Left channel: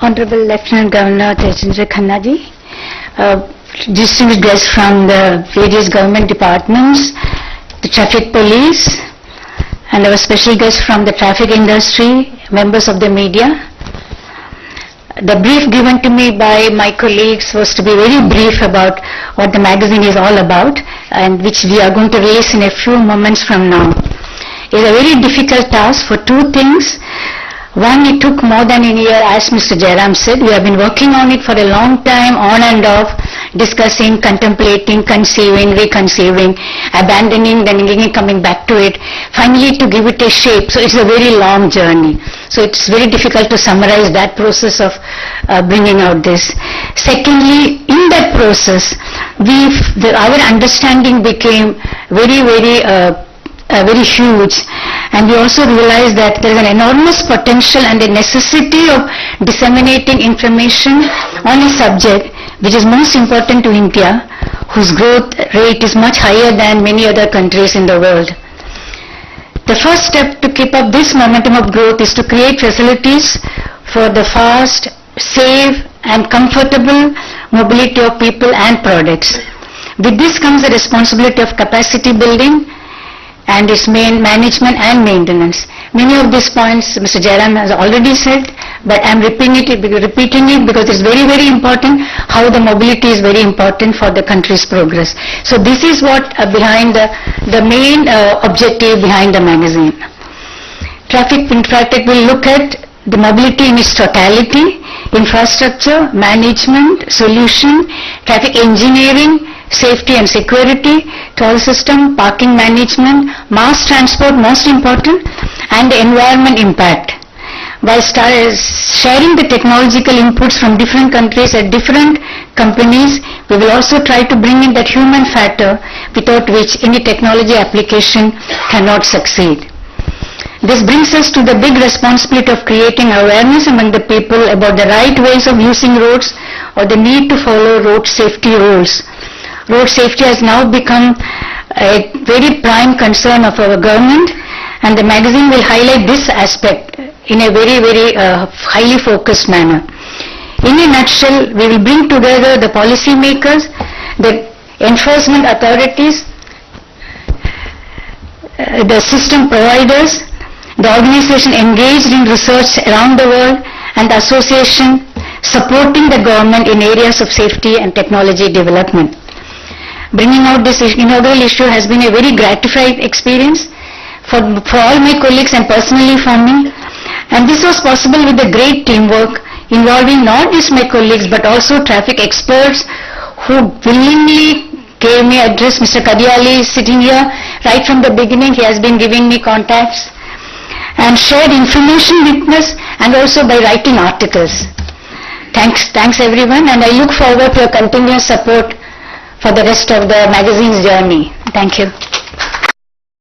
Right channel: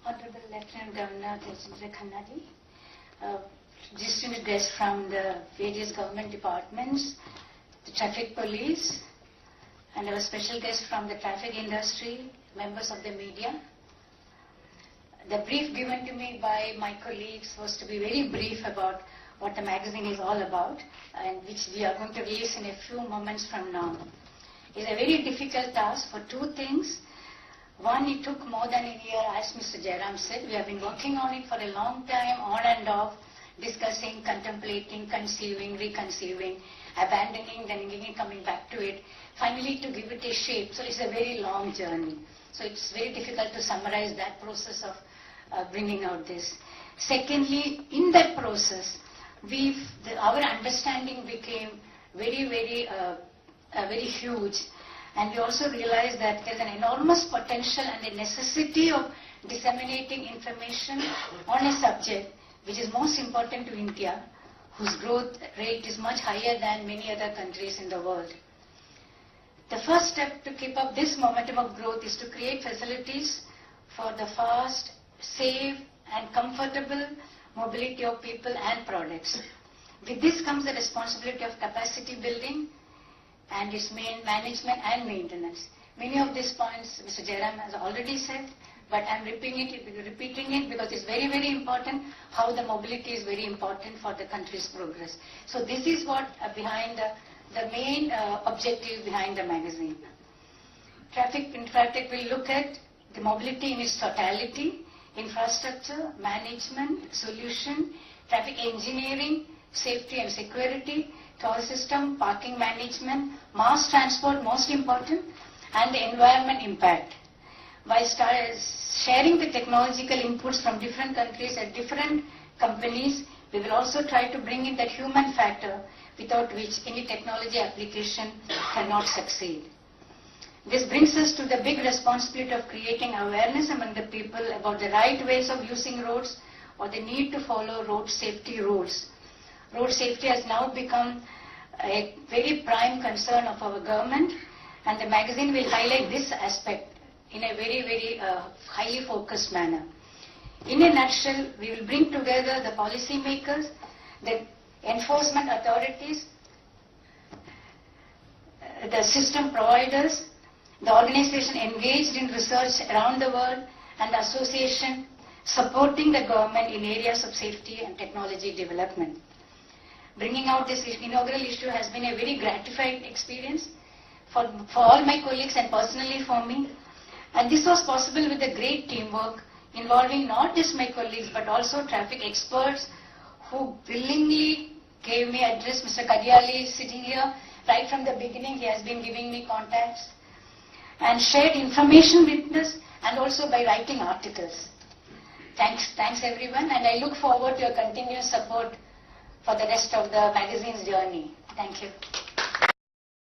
Honorable Lieutenant Governor Tejendra Khanna ji, distinguished guests from the various government departments, the traffic police, and our special guests from the traffic industry, members of the media. The brief given to me by my colleagues was to be very brief about what the magazine is all about, and which we are going to release in a few moments from now. It is a very difficult task for two things. One, it took more than a year, as Mr. Jairam said. We have been working on it for a long time, on and off, discussing, contemplating, conceiving, reconceiving, abandoning, then again coming back to it, finally to give it a shape. So it's a very long journey. So it's very difficult to summarize that process of bringing out this. Secondly, in that process, our understanding became very huge, and we also realized that there is an enormous potential and a necessity of disseminating information on a subject which is most important to India, whose growth rate is much higher than many other countries in the world. The first step to keep up this momentum of growth is to create facilities for the fast, safe and comfortable mobility of people and products. With this comes the responsibility of capacity building and its main management and maintenance. Many of these points Mr. Jairam has already said, but I am repeating it because it's very, very important how the mobility is very important for the country's progress. So this is what behind the main objective behind the magazine. Traffic Infratech will look at the mobility in its totality, infrastructure, management, solution, traffic engineering, safety and security, toll system, parking management, mass transport, most important, and the environment impact. By sharing the technological inputs from different countries at different companies, we will also try to bring in that human factor without which any technology application cannot succeed. This brings us to the big responsibility of creating awareness among the people about the right ways of using roads or the need to follow road safety rules. Road safety has now become a very prime concern of our government, and the magazine will highlight this aspect in a very, very highly focused manner. In a nutshell, we will bring together the policy makers, the enforcement authorities, the system providers, the organization engaged in research around the world, and the association supporting the government in areas of safety and technology development. Bringing out this inaugural issue has been a very gratifying experience for all my colleagues and personally for me. And this was possible with the great teamwork involving not just my colleagues but also traffic experts who willingly gave me address. Mr. Kadiali is sitting here. Right from the beginning he has been giving me contacts and shared information with us, and also by writing articles. Thanks everyone, and I look forward to your continuous support for the rest of the magazine's journey. Thank you.